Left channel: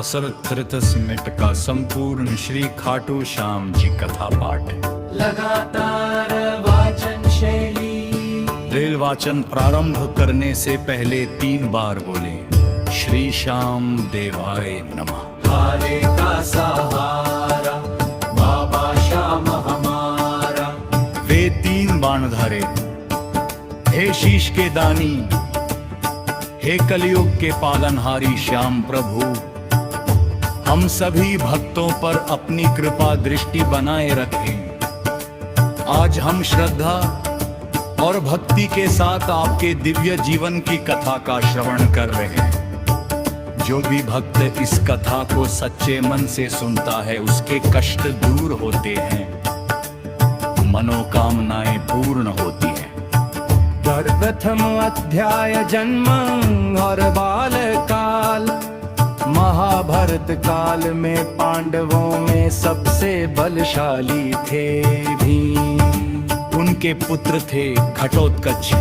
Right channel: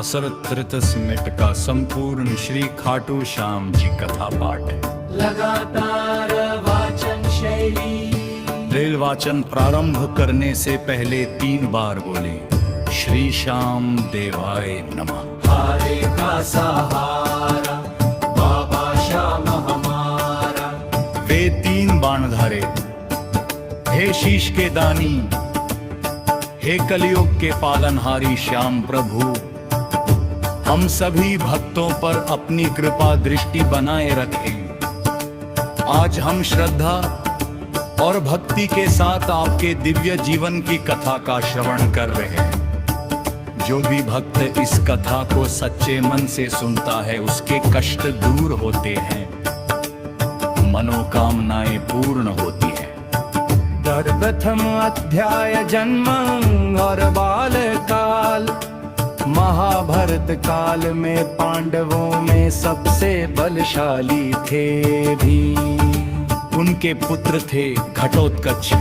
हसरत Schmitt का संपूर्ण श्री खाटू श्याम जी कथा पाठ है। लगातार वाचन शैली। रेल वाचन प्रारंभ करने से पहले 3 बार बोले श्री श्याम देवाय नमः। हारे का सहारा बाबा श्याम हमारा। वे 3 बाणधारे, हे शीश के दानी, हे कलयुग के पालनहारी श्याम प्रभु, हम सभी भक्तों पर अपनी कृपा दृष्टि बनाए रखें। आज हम श्रद्धा और भक्ति के साथ आपके दिव्य जीवन की कथा का श्रवण कर रहे हैं। जो भी भक्त इस कथा को सच्चे मन से सुनता है उसके कष्ट दूर होते हैं, मनोकामनाएं पूर्ण होती हैं। प्रथम अध्याय जन्म और बाल काल। महाभारत काल में पांडवों में सबसे बलशाली थे भीम। उनके पुत्र थे घटोत्कच।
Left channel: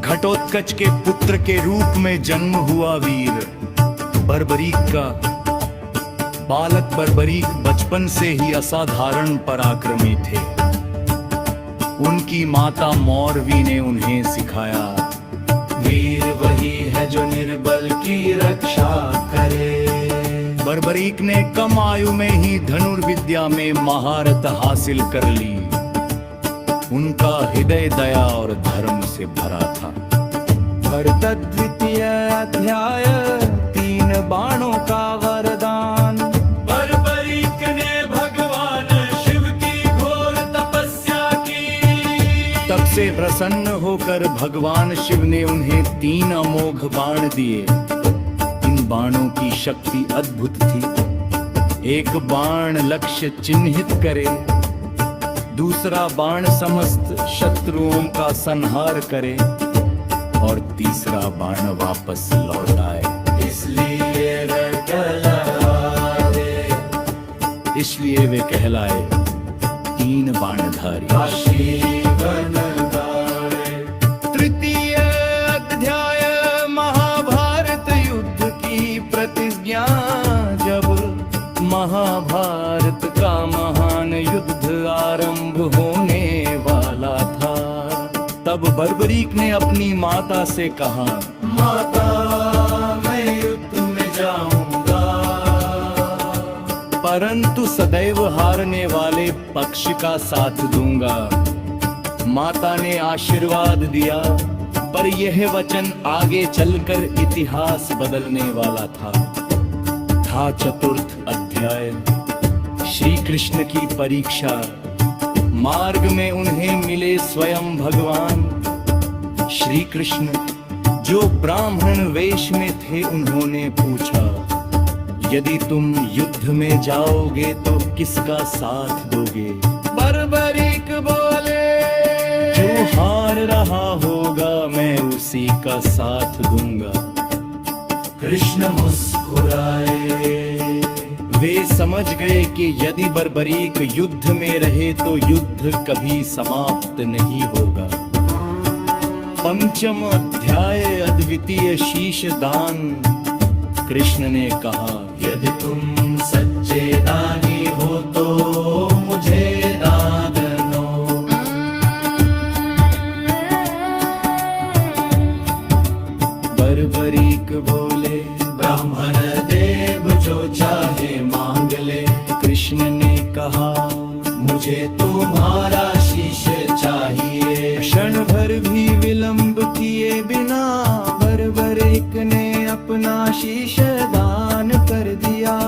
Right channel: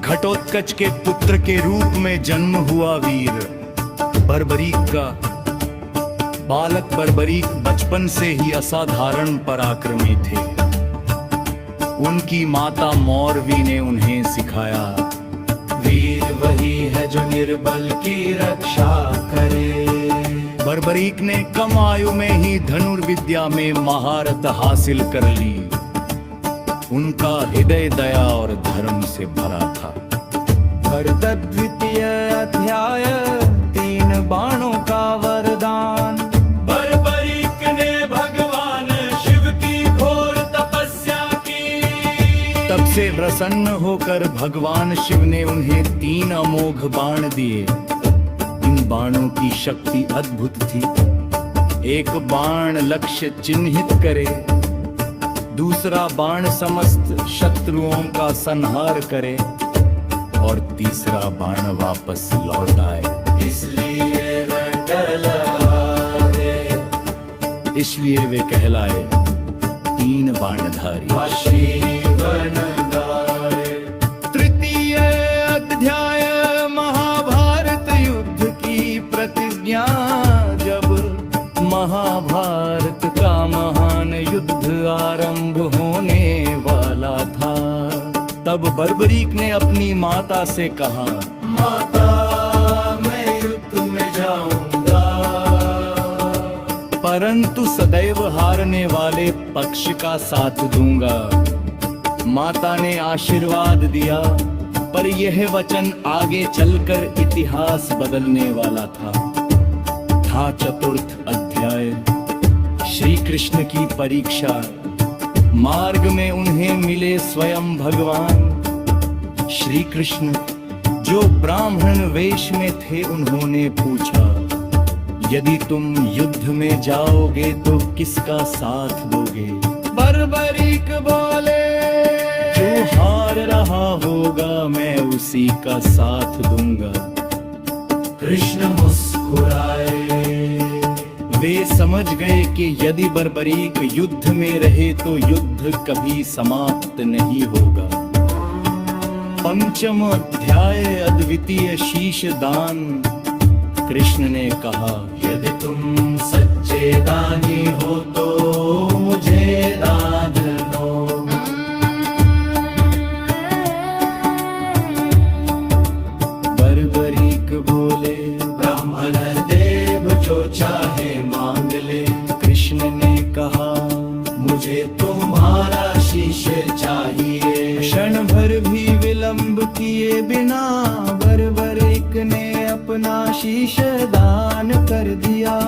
घटोत्कच के पुत्र के रूप में जन्म हुआ वीर बर्बरीक का। बालक बर्बरीक बचपन से ही असाधारण पराक्रमी थे। उनकी माता मौरवी ने उन्हें सिखाया, वीर वही है जो निर्बल की रक्षा करे। बर्बरीक ने कम आयु में ही धनुर्विद्या में महारत हासिल कर ली। उनका हृदय दया और धर्म से भरा था। भरत द्वितीय अध्याय 3 बाणों का वरदान। बर्बरीक ने भगवान शिव की घोर तपस्या की। तब से प्रसन्न होकर भगवान शिव ने उन्हें 3 अमोघ बाण दिए। इन बाणों की शक्ति अद्भुत थी। एक बाण लक्ष्य चिन्हित करे, दूसरा बाण समस्त शत्रुओं का संहार करे और तीसरा बाण वापस लौट आए। इसलिए वे कहलाए 3 बाणधारी। तृतीय अध्याय महाभारत युद्ध की प्रतिज्ञा। जब महाभारत का महान युद्ध आरंभ होने वाला था, तब बर्बरीक ने अपनी माता से कहा, माता मैं युद्ध में जाऊंगा, परंतु सदैव हारने वाले पक्ष का साथ दूंगा। माता ने आशीर्वाद दिया, पर यह वचन आगे चलकर इतिहास बदलने वाला था। चतुर्थ अध्याय श्री कृष्ण की परीक्षा। मार्ग में उन्हें मिले स्वयं भगवान श्री कृष्ण, जो ब्राह्मण वेश में थे। उन्होंने पूछा, यदि तुम युद्ध में जाओगे तो किसका साथ दोगे? बर्बरीक बोले, जो हार रहा होगा मैं उसी का साथ दूंगा। कृष्ण मुस्कुराए। वे समझ गए कि यदि बर्बरीक युद्ध में रहे तो युद्ध कभी समाप्त नहीं होगा। पंचम अध्याय अद्वितीय शीश दान। कृष्ण ने कहा, यदि तुम सच्चे दानी हो तो मुझे दान दो। बर्बरीक बोले, ब्राह्मण देव जो चाहे मांग ले। कृष्ण ने कहा, मुझे तुम्हारा शीश चाहिए। क्षण भर भी विलंब किए बिना बर्बरीक ने अपना शीश दान कर दिया।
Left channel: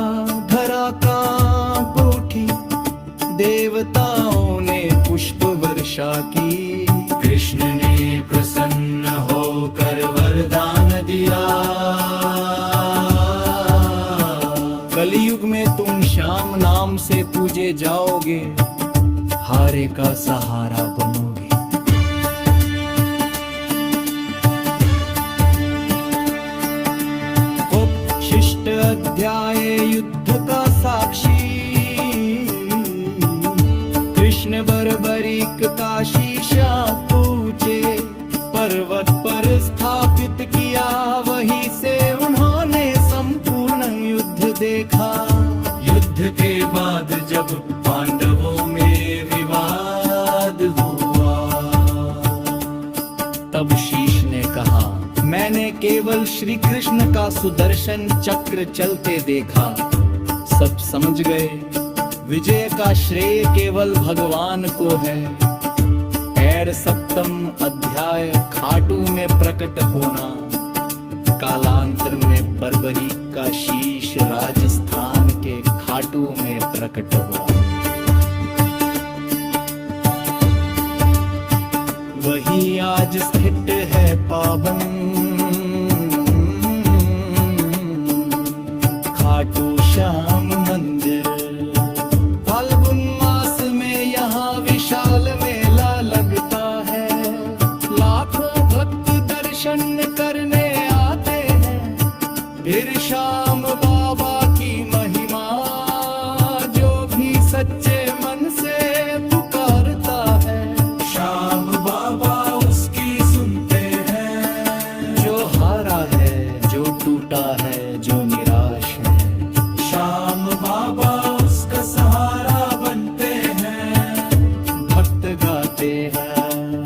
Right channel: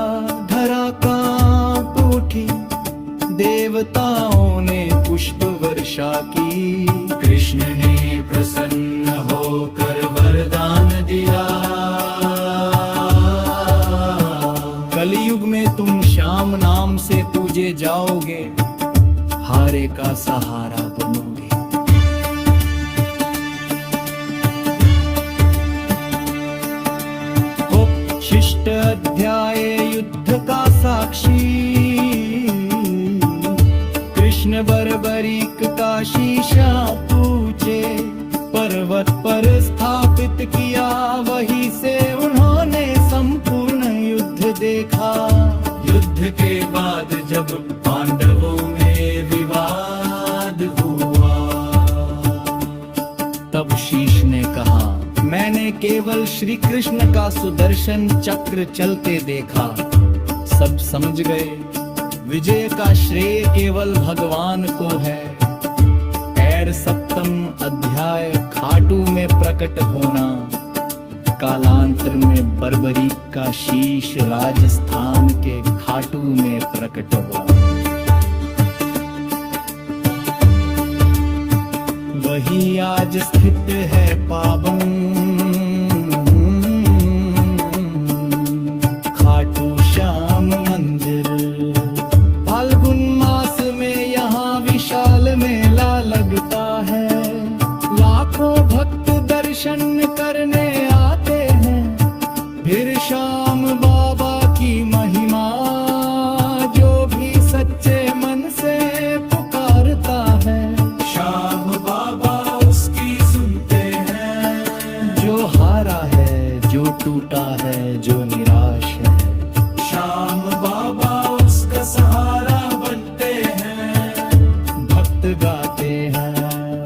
धरा कांप उठी, देवताओं ने पुष्प वर्षा की। कृष्ण ने प्रसन्न होकर वरदान दिया, कलयुग में तुम श्याम नाम से पूजे जाओगे, हारे का सहारा बनोगे। उपशिष्ट अध्याय युद्ध का साक्षी। कृष्ण बर्बरीक का शीशा पूछे, पर्वत पर स्थापित किया, वहीं से उन्होंने संपूर्ण युद्ध देखा। युद्ध के बाद जब पांडवों में विवाद हुआ, तब शीश ने कहा, मैंने केवल श्री कृष्ण का सुदर्शन चक्र चलते देखा। सब समझ गए विजय का श्रेय केवल भगवान को है। खैर, 7वां अध्याय खाटू में प्रकट होना। कालांतर में बर्बरी का शीश राजस्थान के खाटू में प्रकट हुआ। वही आज स्थित है पावन खाटू श्याम मंदिर। फाल्गुन मास में यहाँ विशाल मेला लगता है। लाखों भक्त दर्शन करने आते हैं। फिर श्याम बाबा की महिमा, जो भी सच्चे मन से पुकारता है, श्याम बाबा उसकी सुनते हैं। जो हारा है, जो टूटा है, जो निराश है, श्याम बाबा उसका सहारा बनते हैं। भक्त गाते हैं।